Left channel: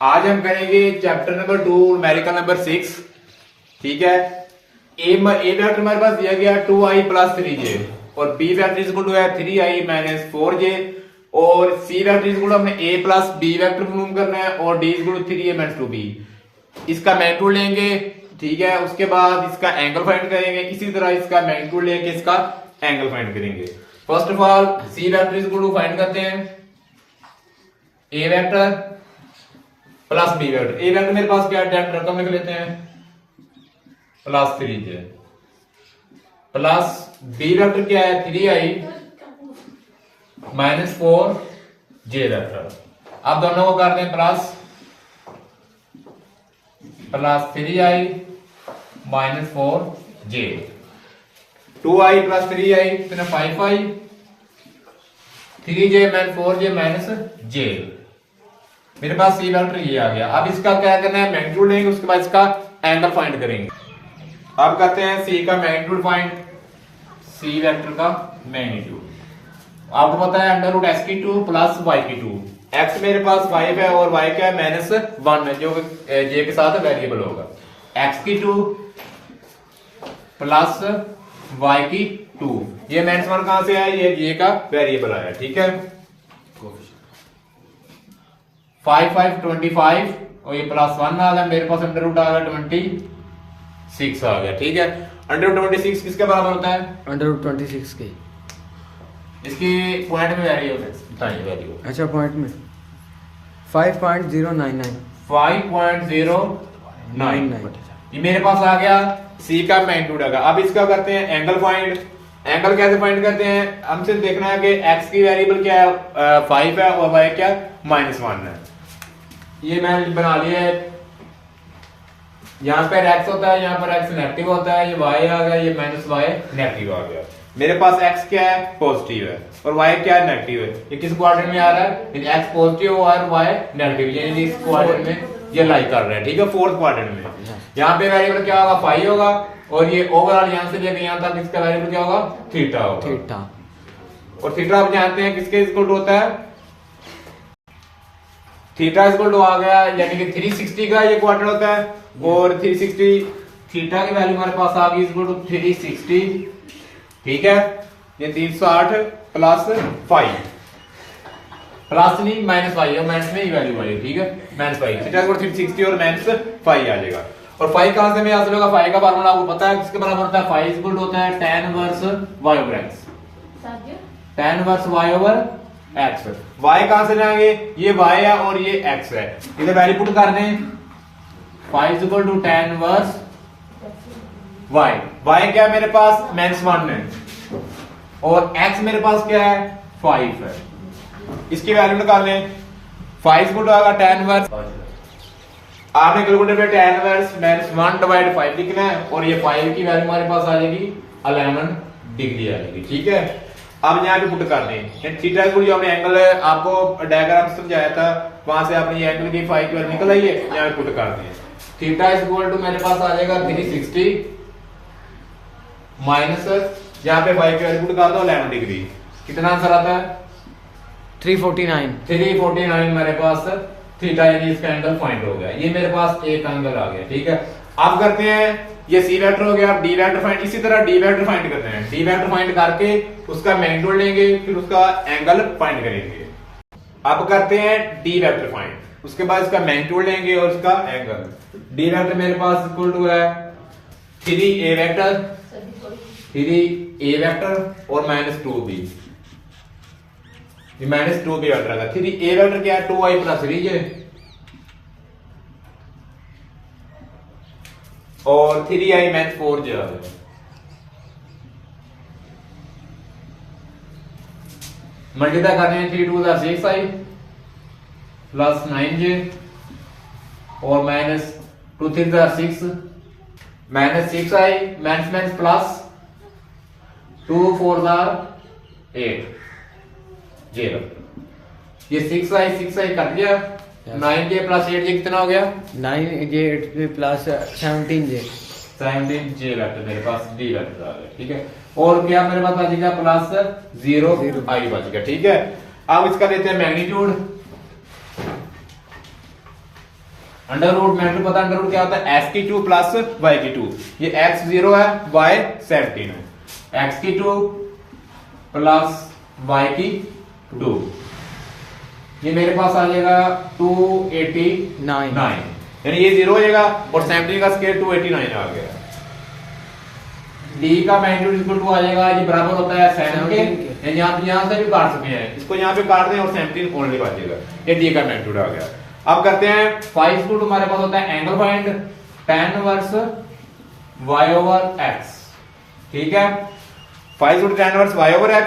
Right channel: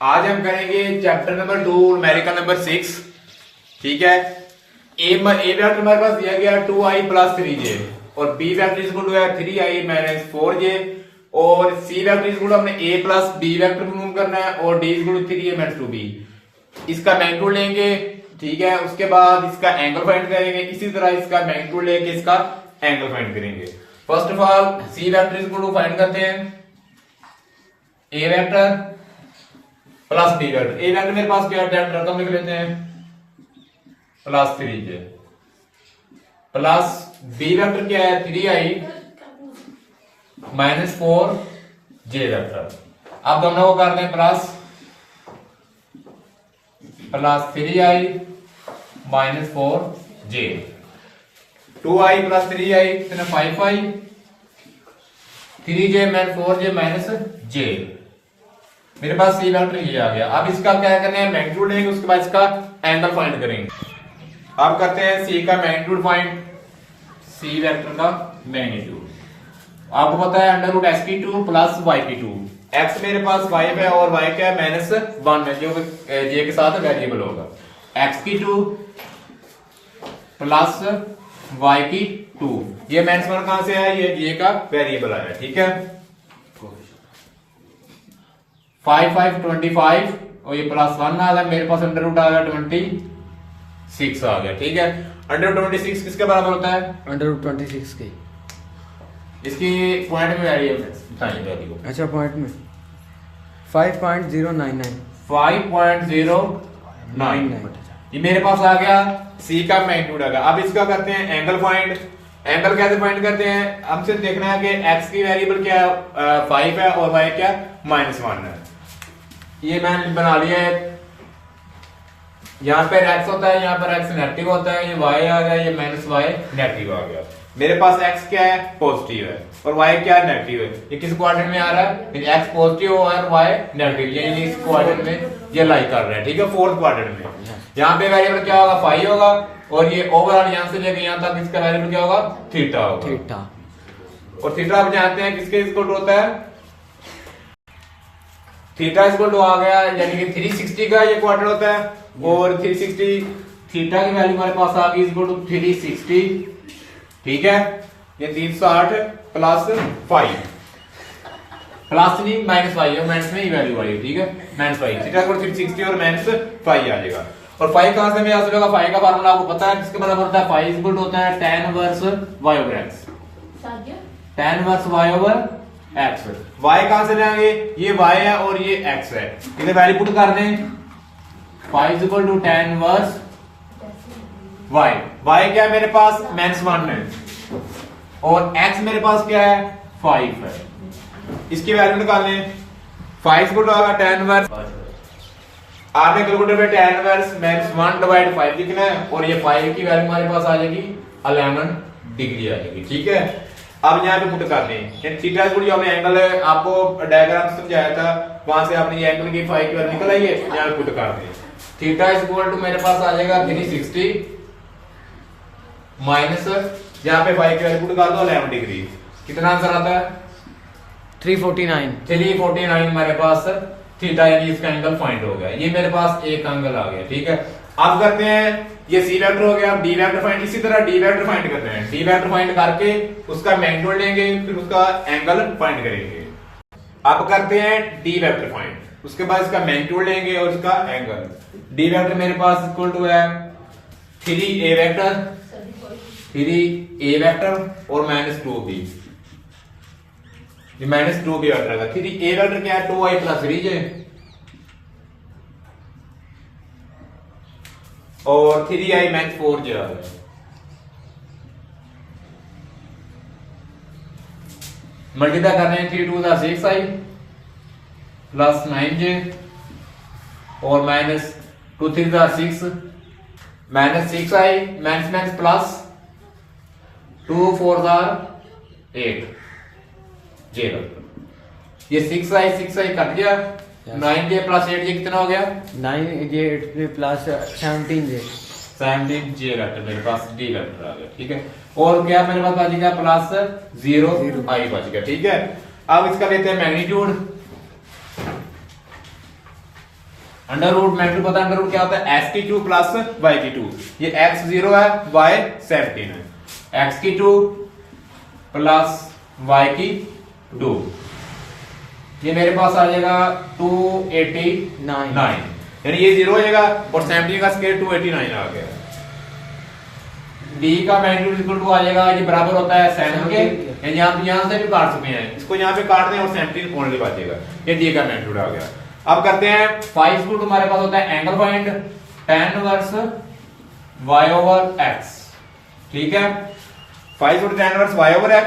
आज हम करेंगे चैप्टर नंबर 2 न्यूमेरिकल नंबर 6। ठीक है। ए वेक्टर हमारे पास दिया गया 2i प्लस 3j और B vector is equal to है 3i माइनस 4j और C vector is equal to हमने a प्लस बी वेक्टर मालूम करना है और d is equal to 3a minus 2b। इसका मैग्नीट्यूड लेंगे। ठीक है। उसके बाद इसका एंगल फाइंड करेंगे। इसी तरह इसका मैग्नीट्यूड लेके इसका एंगल फाइंड करेंगे। First of all C vector is equal to find करते हैं a vector plus B vector. A vector मेरे पास क्या है, रकम लिख लेते हैं plus 3j plus B vector क्या है 3i माइनस 4j वेक्टर। अब दोनों को करते हैं plus 3i minus 4j 2i plus 3i कितना 5i 3j minus 4j minus j। मेरे पास सी वेक्टर ये आ गया। अब इसका क्या करना है, मैग्नीट्यूड लेंगे। उसके बाद इसका एंगल फाइंड करेंगे। अब करते हैं सी का मैग्नीट्यूड फाइंड। सी वेक्टर का मैग्नीट्यूड आपको पता है अंडर रूट एक्स की 2 प्लस वाई की 2। एक्स मेरे पास 5 है और वाई क्या है माइनस 1 है जो जे के साथ वेरिएबल होगा। एक्स की 2 प्लस वाई की 2 ये माइनस 1 कहां से आया, ये जे का वेरिएबल आया। ठीक है। 5 5 25 और ये प्लस 1 आ गया। मेरे पास अंडर रूट आ गया 26 आ गया। ठीक है। अंडर रूट 26 किसके बराबर होता है, अंडर रूट 26 के। इसकी पॉइंट में वैल्यू बताइए वैल्यू। अच्छा पॉइंट में 5.099 5.099 ये मेरे पास आ गया। सी का मैग्नीट्यूड आ गया। अब इसका करते हैं एंगल फाइंड। एंगल कैसे फाइंड करते हैं, हमसे देखना है कि एक्स की वेरिएबल क्या है 5 है और वाई क्या माइनस 1 है। ये मैंने बना लिया है। यहां पर एक्स होता है, यहां पर एक्स नेगेटिव होता है, ये वाई आ गया, ये माइनस वाई नेगेटिव आ गया। मेरे पास एक्स क्या है पॉजिटिव है और वाई क्या है नेगेटिव है। ये किस क्वाड्रेंट में आ रहा है, एक्स पॉजिटिव और वाई नेगेटिव, ये इस क्वाड्रेंट में ये लाई कर रहा है। ठीक है। फोर्थ क्वाड्रेंट में यहाँ पे वेरिएबल क्या होगा 5 होगा और ये ओवरऑल यहां से लेकर यहां तक इसका वेरिएबल क्या होगा थीटा होगा। थीटा और थीटा आप जानते हैं किसके इक्वल टू होता है, थीटा इक्वल टू आ गया यानी कि 360 का ये क्वार्टर होता है और 360 थीटा की वैल्यू हमारे पास आ गई इक्वल टू 360। ठीक है। ये 360 प्लस 5 प्लस नहीं माइनस 5 है, माइनस में ही वैल्यू आई है। ठीक है। माइनस 5 थीटा को 360 और माइनस 5 आ जाएगा। और 5 कहां से हासिल होगा, 5 का फार्मूला आपको पता है किसके बराबर होता है, 5 इक्वल टू होता है tan inverse y over x। tan inverse y over x। y कहां से लाएंगे, ये y है और ये x है, इधर वैल्यू पुट करने 5 equal to tan inverse y। y क्या है मेरे पास -1 है और x मेरे पास क्या है 5 है। इसकी वैल्यू निकालें। 5 इक्वल टू आएगा tan इनवर्स, आपने कैलकुलेटर पे tan इनवर्स -1 डिवाइड 5 लिखना है और ये 5 की वैल्यू हमारे पास आ जाएगी 11 डिग्री आ जाएगी। ठीक है। अब यहाँ पे पुट कर दें थीटा इक्वल जो हमने एंगल आपको डायग्राम समझाया था वहां से आपने ये एंगल की 5 की वैल्यू निकल आई है, यहाँ पे पुट कर दें। थीटा इक्वल टू मेरे पास आ जाएगा 360 माइनस यहाँ पे 5 की वैल्यू पुट कर दो 11 डिग्री। कितना आंसर आता है 349 मेरे पास थीटा यानी इसका एंगल फाइंड हो गया। ये मेरे पास एक एंगल आ गया। ठीक है। अब करते हैं ये सी वेक्टर हो गया, डी वेक्टर फाइंड। इसी तरह डी वेक्टर फाइंड करते हैं। डी वेक्टर फाइंड करके उसका मैग्नीट्यूड लेंगे फिर उसका एंगल फाइंड करेंगे। अब करते हैं डी वेक्टर फाइंड, उसके बाद इसका मैग्नीट्यूड लेंगे और उसका एंगल। डी वेक्टर मेरे पास इक्वल टू है 3a वेक्टर और माइनस 2b। ये माइनस 2b वेक्टर है। 3a वेक्टर क्या है 2i प्लस 3j और 3i माइनस 4j आ गया। मल्टीप्लाई करने हैं 3 2 6i प्लस 9j और minus 2 3 6 minus 6i minus minus plus 2 4 8 0। ये 6i कट गया 9j प्लस 8j कितना हो गया 9j 8 प्लस 17j वेक्टर मेरे पास डी वेक्टर आ गया। ठीक है। और क्या मेरे पास बच गया प्लस 0i बच गया। ठीक है। अब इसका लेते हैं मैग्नीट्यूड। अंडर रूट मैग्नीट्यूड पता है, अंडर रूट क्या होता है, x की 2 प्लस y की 2। ये x 0 है, y 17 है, x की 2 प्लस y की 2, ये मेरे पास आ जाएगा 289, यानी ये 0 हो जाएगा और 17 का स्क्वायर 289 आ गया। d का मैग्नीट्यूड इक्वल टू आ जाएगा, ये बराबर होता है 7 के, यानी आप यहां से भी काट सकते हैं, इसको यहां पे काट दें और 17 ओनली बचेगा, ये d का मैग्नीट्यूड आ गया। अब करते हैं फाइव इक्वल टू, हमारे पास होता है angle find tan inverse y over x, ठीक है। Five equal to tan inverse y over x,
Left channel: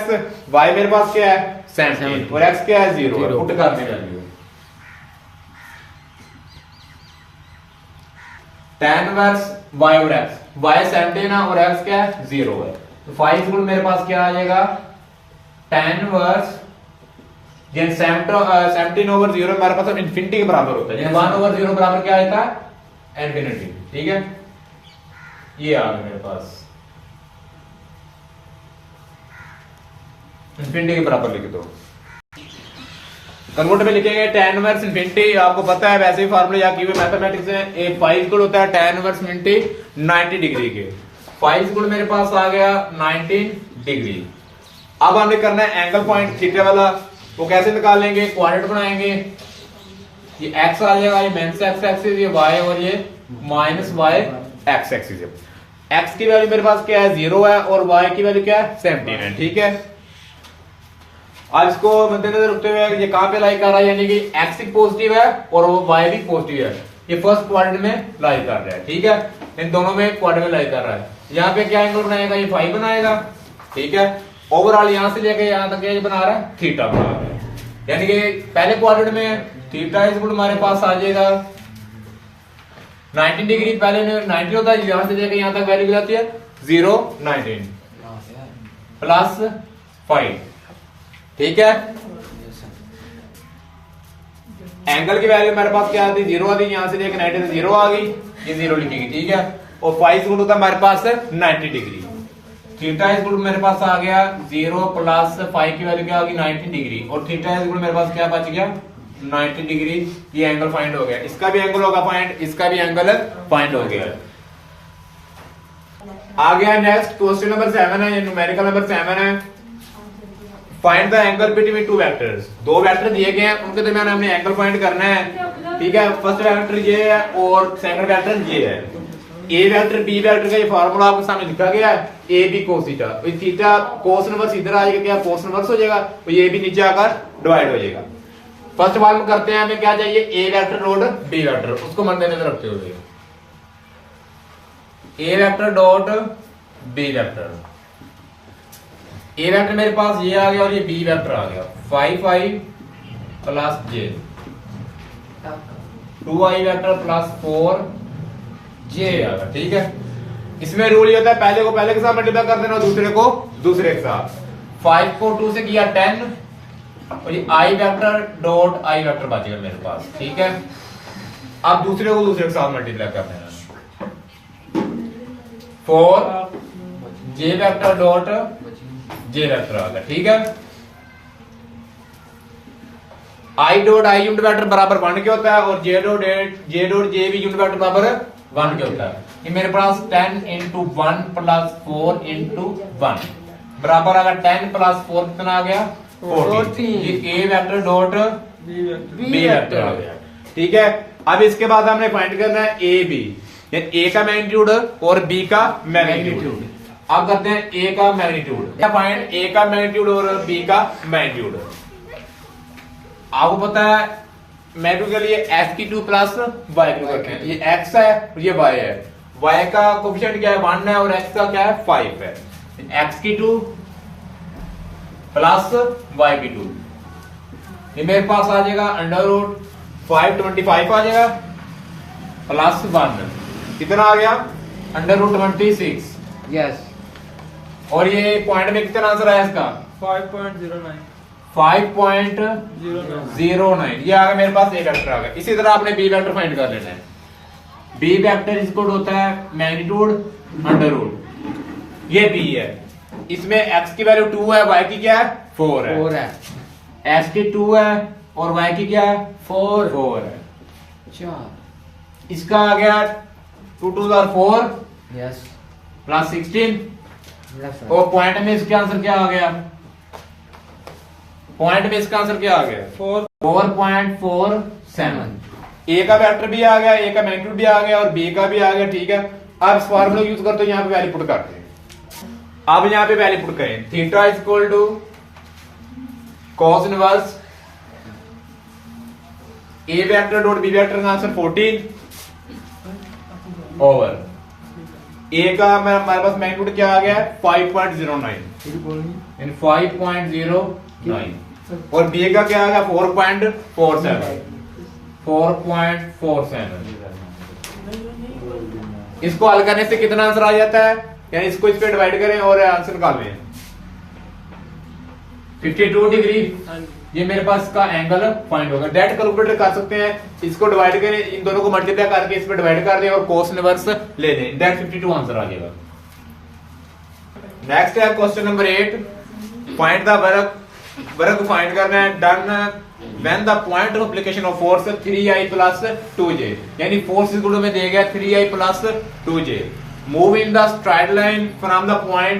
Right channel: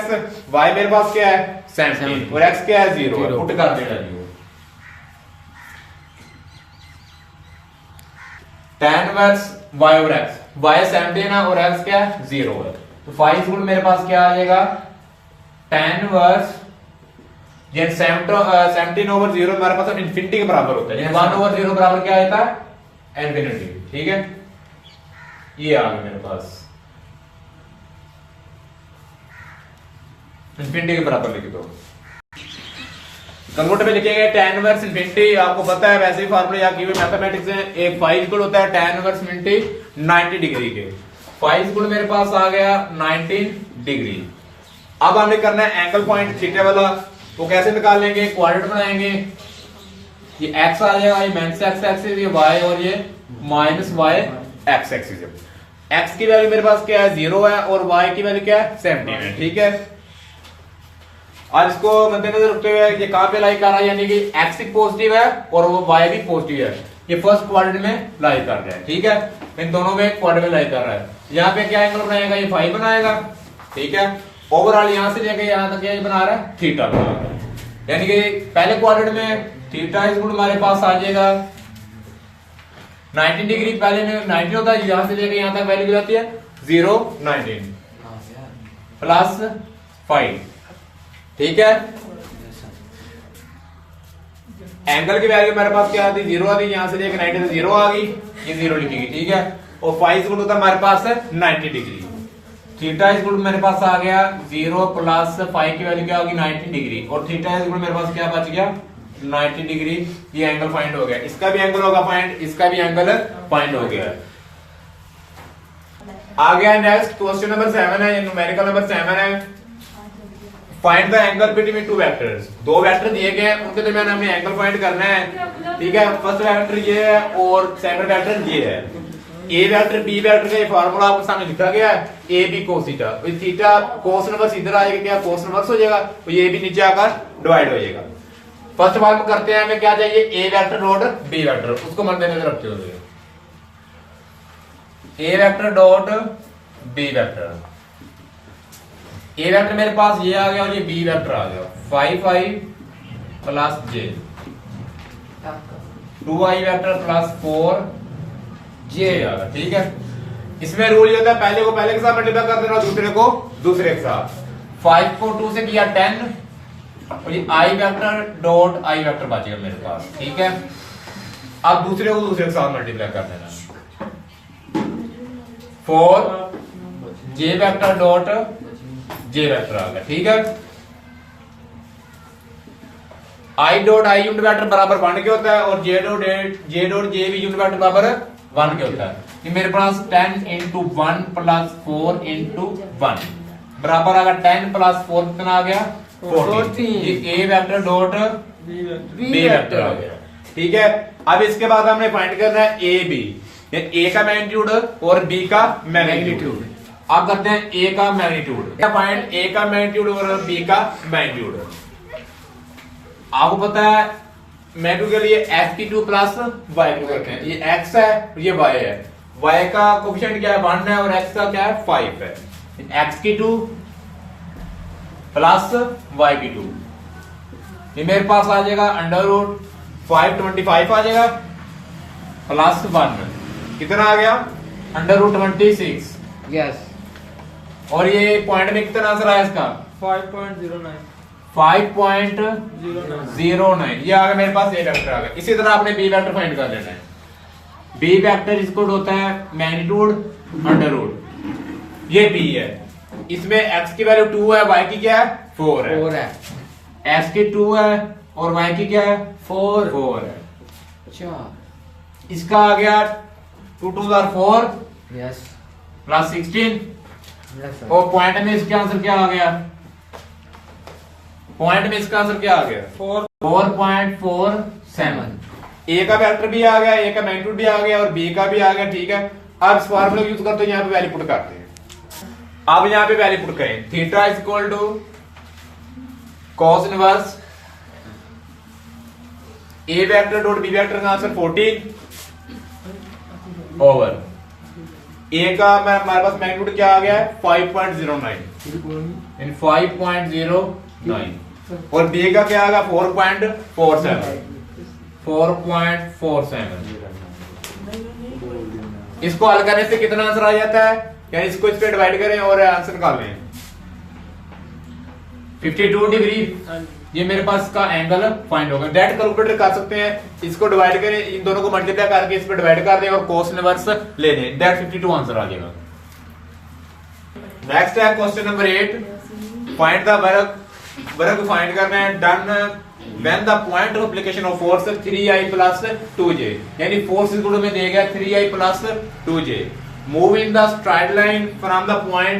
y मेरे पास क्या है 17 और x क्या है 0, पुट कर देना value tan inverse y over x, y 17 है और x क्या है 0 है, तो 5 गुण मेरे पास क्या आ जाएगा tan इनवर्स, ये 17 ओवर 0 हमारे पास इन्फिनिटी के बराबर होता है, 1 ओवर 0 बराबर क्या आता है इन्फिनिटी, ठीक है। ये आ गया मेरे पास इन्फिनिटी के बराबर लिख दो, कन्वर्ट में लिखेंगे tan इनवर्स इन्फिनिटी, आपको पता है वैसे ही फार्मूले या की हुए मैथमेटिक्स हैं, एक 5 गुण होता है tan इनवर्स इन्फिनिटी 90 डिग्री के, 5 गुण मेरे पास आ गया 19 डिग्री। अब हमें करना है एंगल पॉइंट थीटा वाला, वो कैसे निकाल लेंगे, क्वाड्रेंट बनाएंगे, ये x आ जाएगा, ये माइनस x एक्सिस, ये y और ये minus y x axis. x की वैल्यू मेरे पास क्या है 0 है और y की वैल्यू क्या है 17 है, ठीक है। अब इसको मद्देनजर रखते हुए ये कहां पे लाई कर रहा है, यानी कि x पॉजिटिव है और वो y भी पॉजिटिव है, ये फर्स्ट क्वाड्रेंट में लाई कर रहा है, ठीक है, इन दोनों में क्वाड्रेंट में लाई कर रहा है। यहाँ पे क्या एंगल बनाएगा, ये 5 बनाएगा, ठीक है। ओवरऑल यहां से लेके यहां तक ये बना रहा है थीटा बना रहा है, यानी कि पहले क्वाड्रेंट में थीटा इज इक्वल हमारे पास आ जाएगा 19 डिग्री, पहले में 19 होता है, यहां से लेके यहां तक वैल्यू जाती है 0 19 प्लस 5, ठीक है। एंगल की वैल्यू मेरे पास क्या आती 0 आ गई, यहां से लेके 90 से 0 आ गई, ये 0 लिखेगी, ठीक है। और 5 गुण होता है हमारे पास 90 डिग्री, थीटा इज गुण मेरे पास आ गया 0 प्लस 5 की वैल्यू क्या होगी 90 डिग्री, और थीटा इज गुण मेरे पास क्या बच गया 90 डिग्री, ये एंगल फाइंड हो गया, इसका भी एंगल होगा फाइंड, इसका भी एंगल फाइंड हो गया। आ गया नेक्स्ट क्वेश्चन नंबर 7 है, न्यूमेरिकल नंबर 7 है, find the angle between two vectors. दो वेक्टर दिए गए हैं, उनके दरमियान हमें एंगल फाइंड करना है, ठीक है। फर्स्ट वेक्टर ये है और सेकंड वेक्टर ये है, ए वेक्टर बी वेक्टर का ये फार्मूला आपके सामने लिखा गया है, ए बी कोस थीटा, तो थीटा कोस इनवर्स इधर आएगा, क्या कोस इनवर्स हो जाएगा, तो ये भी नीचे आकर डिवाइड हो जाएगा। फर्स्ट फॉर्म करते हैं, हमें क्या चाहिए ए वेक्टर डॉट बी वेक्टर, उसको मद्देनजर रखते हुए ए vector dot B vector, A vector मेरे पास ये आ गया और ये बी वेक्टर आ गया, 5i plus j, 2i vector plus 4j आ गया, ठीक है। इसमें रूल ये होता है पहले को पहले के साथ मल्टीप्लाई कर देना, दूसरे को दूसरे के साथ, 5 को 2 से किया 10 और ये i vector dot i vector बचेगा मेरे पास, ठीक है। अब दूसरे को दूसरे के साथ मल्टीप्लाई कर देना, 4j vector dot j vector आ गया, ठीक है। i dot i unit vector बराबर 1 के होता है और j डॉट j भी यूनिट वेक्टर बराबर 1 के होता है। ये मेरे पास 10 इंटू 1 प्लस 4 इंटू 1 बराबर आ गया 10 प्लस 4 कितना आ गया 14। ये a vector dot b vector आ गया, ठीक है। अब इसके बाद हमें फाइंड करना है a b, ए का मैग्नीट्यूड और बी का मैग्नीट्यूड। अब करते हैं ए का मैग्नीट्यूड, फाइंड ए का मैग्नीट्यूड और बी का मैग्नीट्यूड। आपको पता है मैग्नीट्यूड के लिए एक्स की 2 प्लस वाई की करते हैं, ये एक्स है ये वाई है, वाई का कोफिशिएंट क्या है 1 है और एक्स का क्या है 5 है, एक्स की 2 प्लस वाई की 2, ये मेरे पास आ जाएगा अंडर रूट 525 आ जाएगा प्लस 1, कितना आ गया अंडर रूट 26, यस। और ये पॉइंट में कितना आंसर आया इसका 5.09, 5.09, ये आ गया मेरे पास ए वेक्टर आ गया। इसी तरह आपने बी वेक्टर फाइंड कर लेना है, बी वेक्टर इसको होता है मैग्नीट्यूड अंडर रूट, ये बी है, इसमें एक्स की वैल्यू 2 है, वाई की क्या है 4 है, 4 है, एक्स की 2 है और वाई की क्या है 4 है, अच्छा इसका आ गया 2 2 4 यस प्लस 16 यस सर। और पॉइंट में इसका आंसर क्या आ गया? पॉइंट में इसका आंसर क्या आ गया? 4.47। ए का वेक्टर भी आ गया, ए का मैग्नीट्यूड भी आ गया और बी का भी आ गया। ठीक है, अब इस फार्मूला यूज कर तो यहाँ पे वैल्यू पुट करते हैं। अब यहाँ पे वैल्यू पुट करें, theta is equal to cos inverse A vector dot B vector का आंसर 14 ओवर ए का हमारे पास मैग्नीट्यूड क्या आ गया है? 5.09 यानी 5.09 और बी का क्या आ गया? 4.47। इसको हल करने से कितना आंसर आ जाता है? यानी इसको इस पे डिवाइड करें और आंसर निकाल लें। 52 डिग्री ये मेरे पास का एंगल फाइंड होगा। डायरेक्ट कैलकुलेटर कर सकते हैं, इसको डिवाइड करें, इन दोनों को मल्टीप्लाई करके इस पे डिवाइड कर दें और cos इनवर्स ले दें, डायरेक्ट 52 आंसर आ जाएगा। नेक्स्ट है question number 8, find the work find करना है। Done when the point of application of force 3i plus 2j, यानी फोर्स इक्वल में दे गया 3i plus 2j, move in the straight line from the point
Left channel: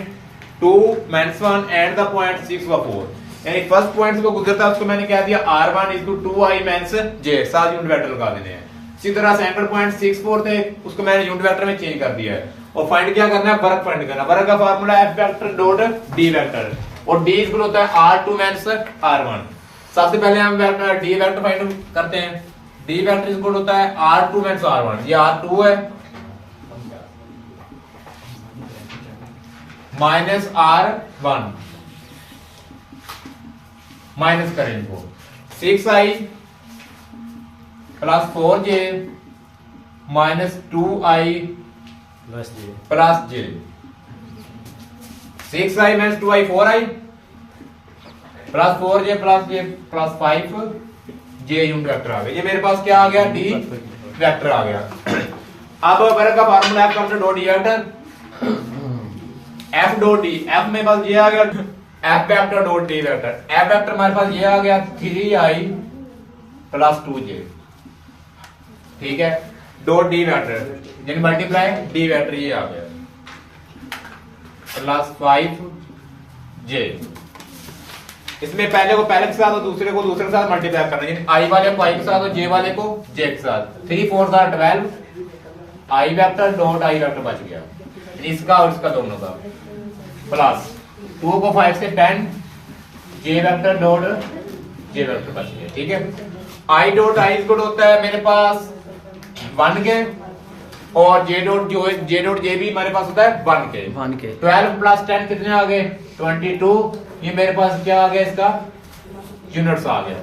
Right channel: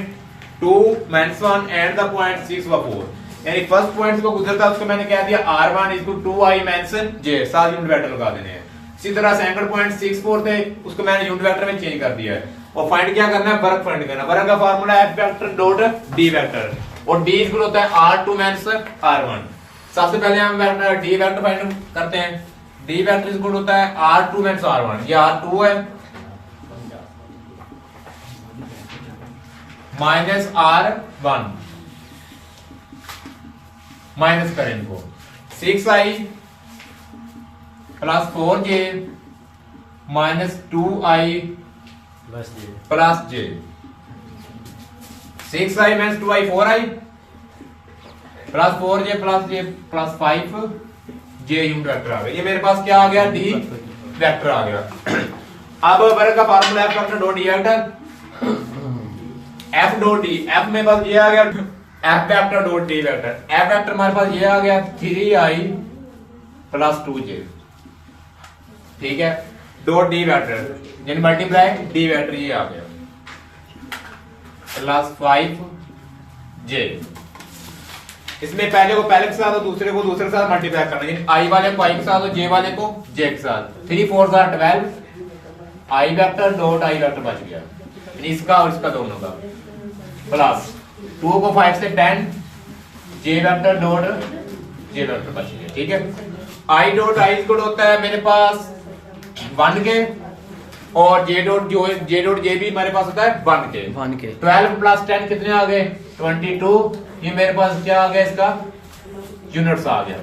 2 -1 and the point 6 व 4, यानी first point को गुजरता है उसको मैंने कह दिया r1 = 2i - j, साथ यूनिट वेक्टर लगा देने हैं। इसी तरह सेकंड पॉइंट 6 4 थे, उसको मैंने यूनिट वेक्टर में चेंज कर दिया है। और फाइंड क्या करना है? वर्क फाइंड करना। वर्क का formula f vector dot d vector और d इक्वल होता है r2 - r1। सबसे पहले हम वेक्टर d वेक्टर फाइंड करते हैं। d वेक्टर इक्वल होता है r2 - r1, ये r2 है माइनस r1 माइनस करें इनको 6i plus 4j minus 2i plus j। 6i minus 2i 4i plus 4j plus j plus 5j unit vector आ गया। ये मेरे पास क्या आ गया? d वेक्टर आ गया। अब वर्क का formula f vector dot d vector f dot d, f में बस ये आ गया f vector dot d vector, f vector हमारे पास ये आ गया 3i प्लस 2j, ठीक है, डॉट d वेक्टर यानी मल्टीप्लाई d वेक्टर ये आ गया प्लस 5j। इसमें पहले को पहले के साथ और दूसरे को दूसरे के साथ मल्टीप्लाई करना है, i वाले को i के साथ और j वाले को j के साथ। 3 4 12 i vector dot i vector बच गया, इसका और इसका दोनों का, प्लस 2 को 5 से 10 j vector dot j vector बच गया। ठीक है, i डॉट i इक्वल होता है मेरे पास 1 के और j डॉट j भी मेरे पास होता है 1 के। 12 प्लस 10 कितने आ गए? 22। ये मेरे पास क्या आ गया? इसका यूनिट्स आ गया।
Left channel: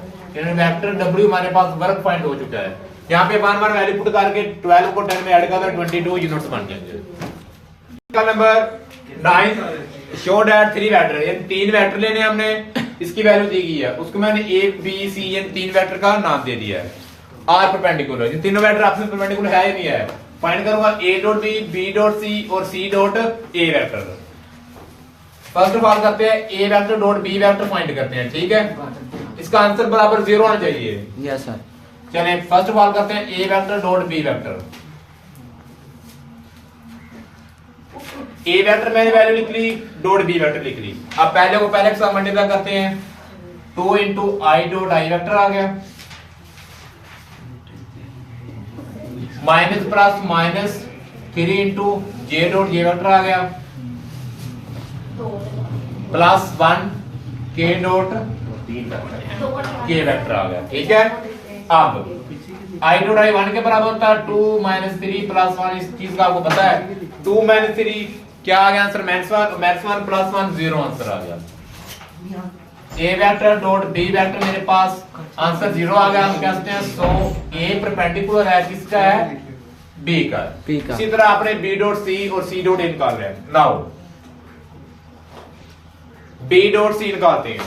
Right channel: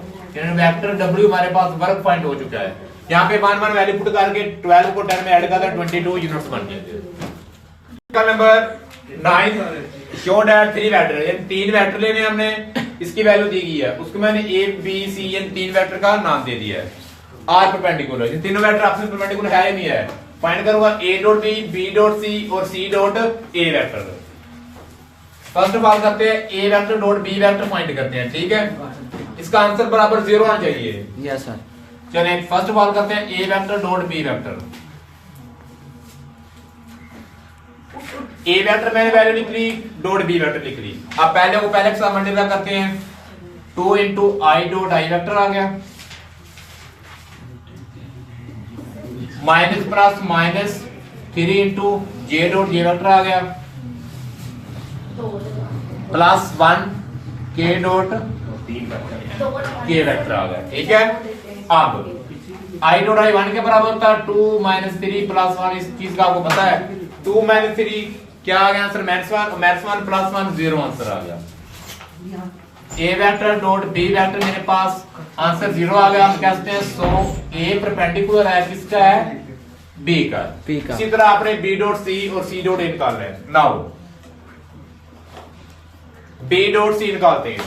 वेक्टर w हमारे पास वर्क फाइंड हो चुका है। यहाँ पे 1 1 वैल्यू पुट करके 12 को 10 में ऐड कर 22 यूनिट्स बन जाएंगे। नंबर 9, शो दैट 3 वेक्टर, यानी 3 वेक्टर लेने हमने, इसकी वैल्यू दी गई है, उसको मैंने a b c यानी 3 वेक्टर का नाम दे दिया है। r परपेंडिकुलर, ये तीनों वेक्टर आपस में परपेंडिकुलर है ही नहीं है। फाइंड करूंगा a dot b, b dot c और c dot a vector. First of all करते हैं a vector dot b vector find करते हैं। ठीक है, इसका आंसर बराबर 0 आना चाहिए। Yes sir. चलिए फर्स्ट ऑफ ऑल करते हैं a vector dot b vector. a vector मैंने वैल्यू लिख ली, डॉट b वेक्टर लिख ली। अब पहले को पहले के साथ मल्टीप्लाई करते हैं, 2 into i dot i vector आ गया, minus plus minus 3 into j dot j vector आ गया, plus 1 k dot k vector आ गया। ठीक है, अब i डॉट i 1 के बराबर होता है 2 माइनस 3 प्लस 1। इस चीज का आपको पता है, 2 माइनस 3 क्या आ गया आंसर? माइनस 1 प्लस 1 0 आंसर आ गया। a vector dot b vector मेरे पास आंसर 0 आ गया। हम कहते हैं सो a परपेंडिकुलर है किसका है? b का। इसी तरह आपने b डॉट c और c डॉट a निकालना है। नाउ b डॉट c निकालते हैं।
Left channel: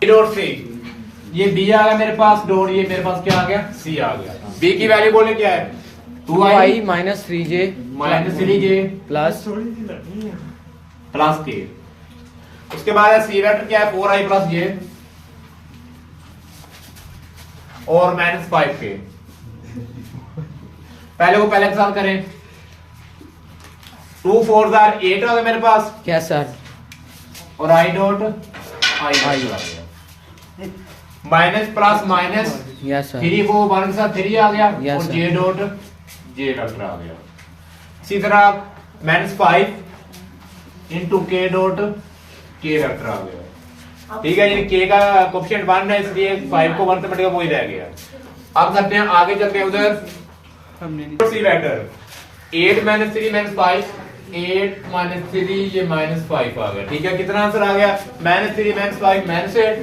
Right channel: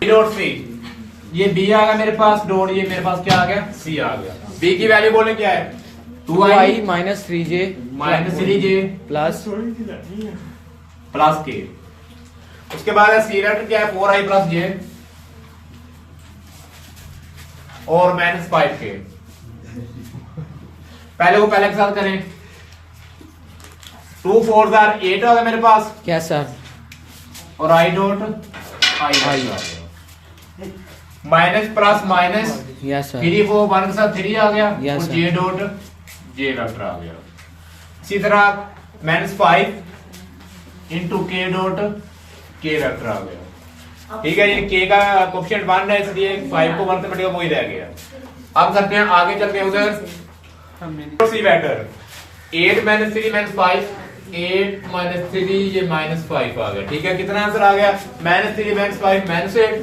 b डॉट c, ये b आ गया मेरे पास डॉट, ये मेरे पास क्या आ गया? c आ गया। b की वैल्यू बोले क्या है? 2i minus 3j plus k। उसके बाद c वेक्टर क्या है? 4i प्लस j और -5k। पहले को पहले के साथ करें। 2 4 8 आ गया मेरे पास, यस सर। और I dot I minus plus minus, yes sir. 3 को 1 के साथ 3 आ गया, Yes, और sir. J dot J vector आ गया। इसी तरह -5 इंटू के डॉट के वेक्टर आ गया। ठीक है, ये के का कोएफिशिएंट 1 है, इसलिए 5 को 1 से बढ़ेगा वही रह गया। अब करते हैं आगे चलते हैं उधर सी वेक्टर 8 - 3 - 5, 8 - 3 ये -5 आ गया। ठीक है, कितना आंसर आ गया? -3 - 5 -8,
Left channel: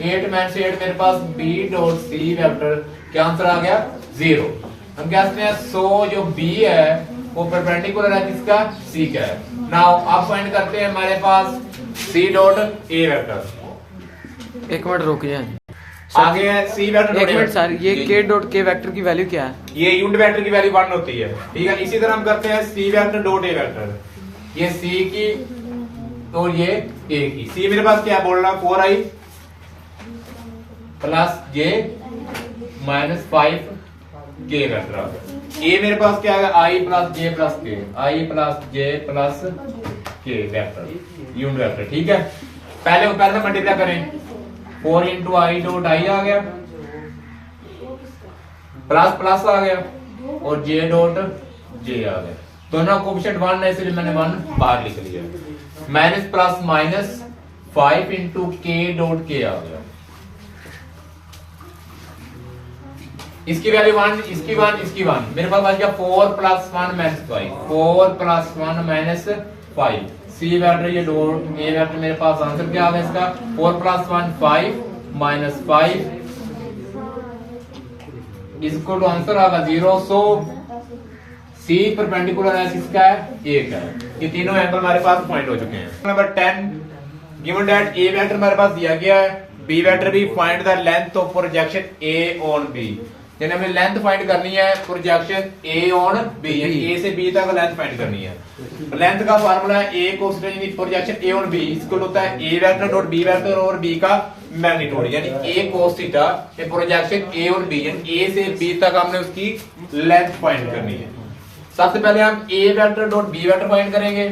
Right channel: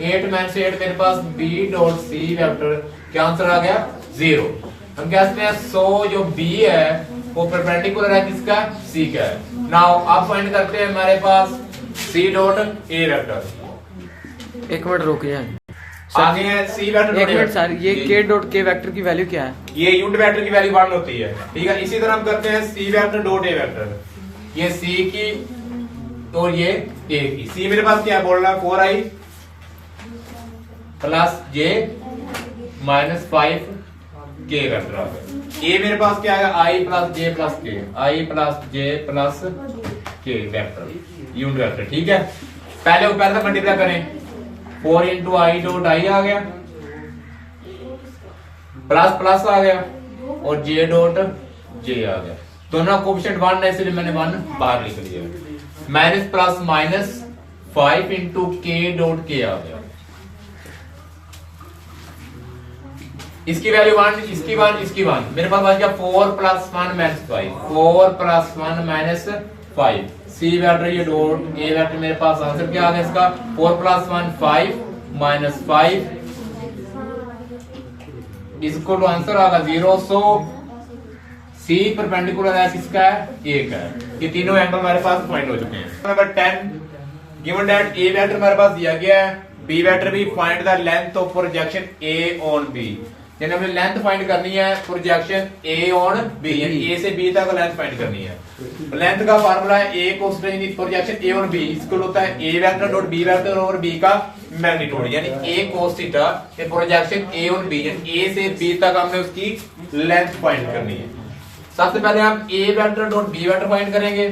8 - 8 मेरे पास b डॉट सी वेक्टर क्या आंसर आ गया? 0। हम कहते हैं सो जो b है वो परपेंडिकुलर है किसका? c का है। नाउ अब फाइंड करते हैं हमारे पास c डॉट a वेक्टर। एक मिनट रुकिए आगे है c वेक्टर। एक मिनट सर, ये के डॉट के वेक्टर की वैल्यू क्या है? ये यूनिट वेक्टर की वैल्यू 1 होती है। ठीक है, इसी तरह हम करते हैं c vector dot a vector. ये c की और ये a की। c मेरे पास क्या बोल रहा है? 4i plus j minus 5k vector आ गया। a मेरे पास क्या है? i plus j plus k, i plus j plus k vector unit vector. ठीक है, पहले वो पहले मल्टीप्लाई करें। 4 इंटू आई डॉट आई आ गया, प्लस प्लस आ गया, और j डॉट j आ गया। दोनों कोएफिशिएंट 1 है, इसलिए मैंने 1 बाहर लिख लिया। Minus plus minus 5 into k dot k आ गया। इसकी वैल्यू 1, इसकी 1, इसकी 1। मेरे पास बच गया 4 plus 1 minus 5, 4 plus 1 minus 5। C vector ये डॉट ए वेक्टर मेरे पास आंसर क्या आ गया इसका? 4 प्लस 1 5 माइनस 5 इसको तो आंसर आ गया 0। सो सी परपेंडिकुलर है किसका है? ए का है। ये तीनों एंगल हमारे पास पॉइंट हो चुके हैं। Number 10 given that A vector हमारे पास दिया गया है, बी वेक्टर भी find the length of projection A on B. यानी हमें लेंथ फाइंड करनी है प्रोजेक्शन ए ऑन बी, यानी ए से बी तक लेंथ फाइंड करनी है। लेंथ का फार्मूला है ए कोस यानी प्रोजेक्शन ए ऑन बी इसको होता है ए वेक्टर डॉट बी वेक्टर और बी का मैग्नीट्यूड, यानी ए कोस थीटा ये प्रोजेक्शन ए ऑन बी, यानी ए से बी तक हमने उसकी लेंथ फाइंड करनी है। सबसे पहले हम A vector dot B vector find करेंगे।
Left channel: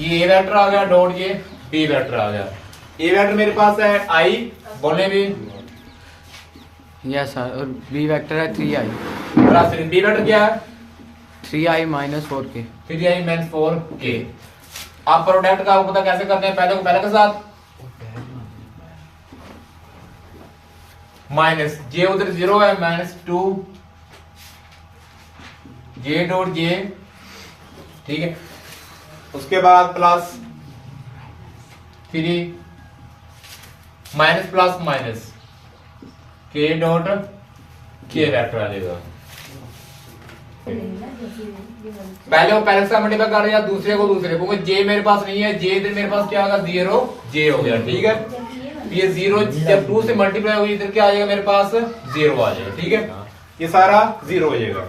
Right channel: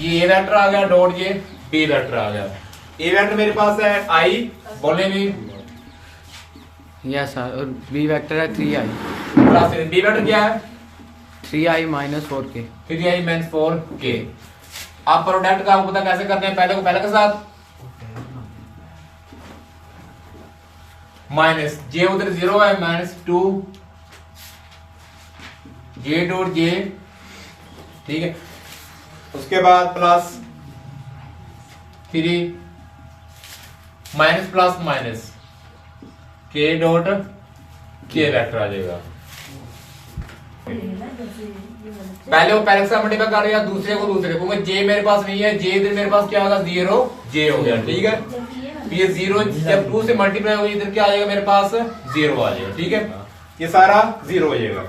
ये ए वेक्टर आ गया डॉट ये बी वेक्टर आ गया। ए वेक्टर मेरे पास है आई, बोले भी यस सर, और बी वेक्टर है 3i प्लस बी वेक्टर क्या है? 3i minus 4k। 3i minus 4k। आप प्रोडक्ट का आपको पता कैसे करते हैं? पहले को पहले के साथ माइनस जे उधर 0 है, माइनस 2 जे डॉट जे। ठीक है, उसके बाद प्लस 3 माइनस प्लस माइनस के डॉट के वेक्टर आ जाएगा। पहले को पहले से मल्टीप्लाई कर दिया, दूसरे को दूसरे को। जे मेरे पास नहीं है, जे इधर मेरे पास क्या होगा? 0 जे हो गया। ठीक है, ये 0 जब 2 से मल्टीप्लाई होगी इधर क्या आएगा? मेरे पास 0 आ जाएगा। ठीक है, ये सारा 0 हो जाएगा।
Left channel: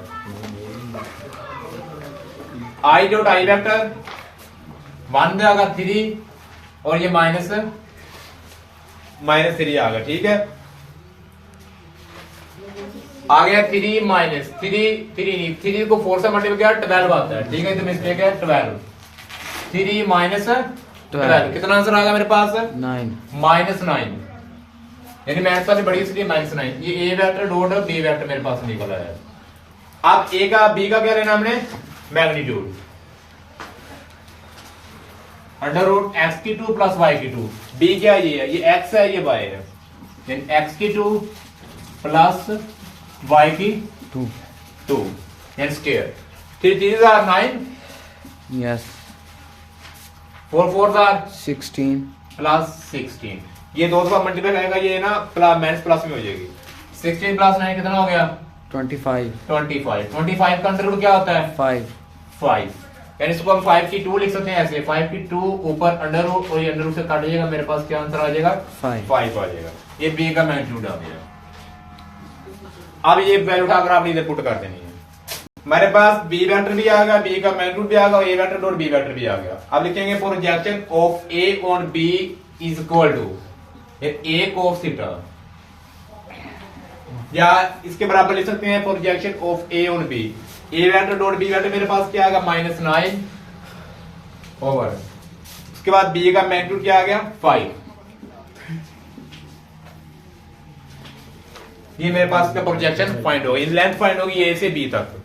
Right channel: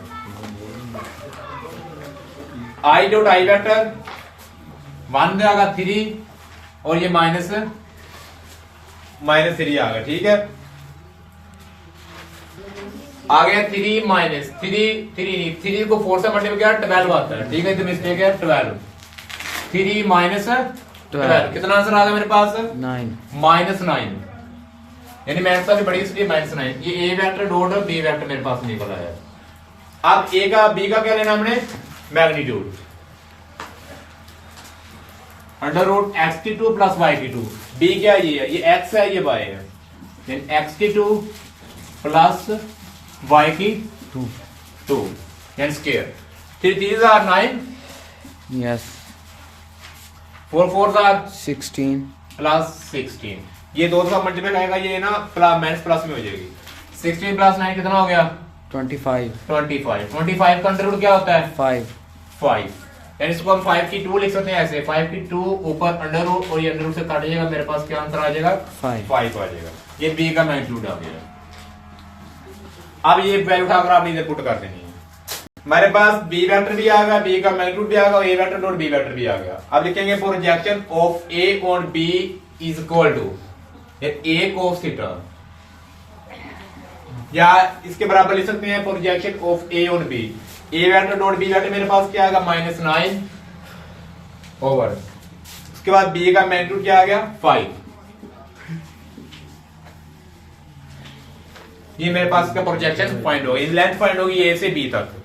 आई डॉट आई वेक्टर 1 आएगा 3 और ये माइनस 3 आ गया। ठीक है, आ गया 3 माइनस 3 को 4 से मल्टीप्लाई किया 12 आता है। ठीक है, तो मिस्टेक है 12। 3 माइनस 12 कितना आंसर आ गया मेरे पास? 9 माइनस 9, यानी मेरे पास बड़ी इसलिए माइनस 9। ये ए वेक्टर डॉट बी वेक्टर मेरे पास निकला है। अब ए का बी का क्या लेना हमने? मैग्नीट्यूड अंडर रूट एक्स की 2 प्लस वाई की 2। बी क्या है? ये एक्स है, ये वाई है, यानी एक्स की 2 प्लस वाई की 2 यानी square. 3 3 are 9, yes 4 4 are 16 plus 16। ये दो का मल्टीप्लाई करेगा, ये ना प्लस माइनस प्लस में हो जाएगी। 16 प्लस 9 कितना हो गया? 25 25 का अंडर रूट क्या होता है? 5 यानी इसको हम 5 की 2 लिख सकते हैं ऐसे, 5 की 2 ऊपर अंडर रूट और ये अंडर रूट से काट जाएगा, मेरे पास क्या आंसर आ जाएगा? 5 आ जाएगा। ये बी का मैग्नीट्यूड आ गया। अब ये वैल्यू उठाकर आपने इधर पुट कर देनी है। हमारे पास बी वेक्टर भी आ गया, बी का मैग्नीट्यूड भी आ गया और A vector dot B vector भी आ गया। अब लिखेंगे projection of A on B is equal to A cos theta, या इसके बराबर लिख सकते हैं projection of A on B. A vector dot B vector मेरे पास क्या आ गया -9 ओवर, उसके बाद बी का मैग्नीट्यूड क्या आ गया 5। ये मेरे पास का प्रोजेक्शन पॉइंट होगी, लेंथ पॉइंट होगी ए से बी तक।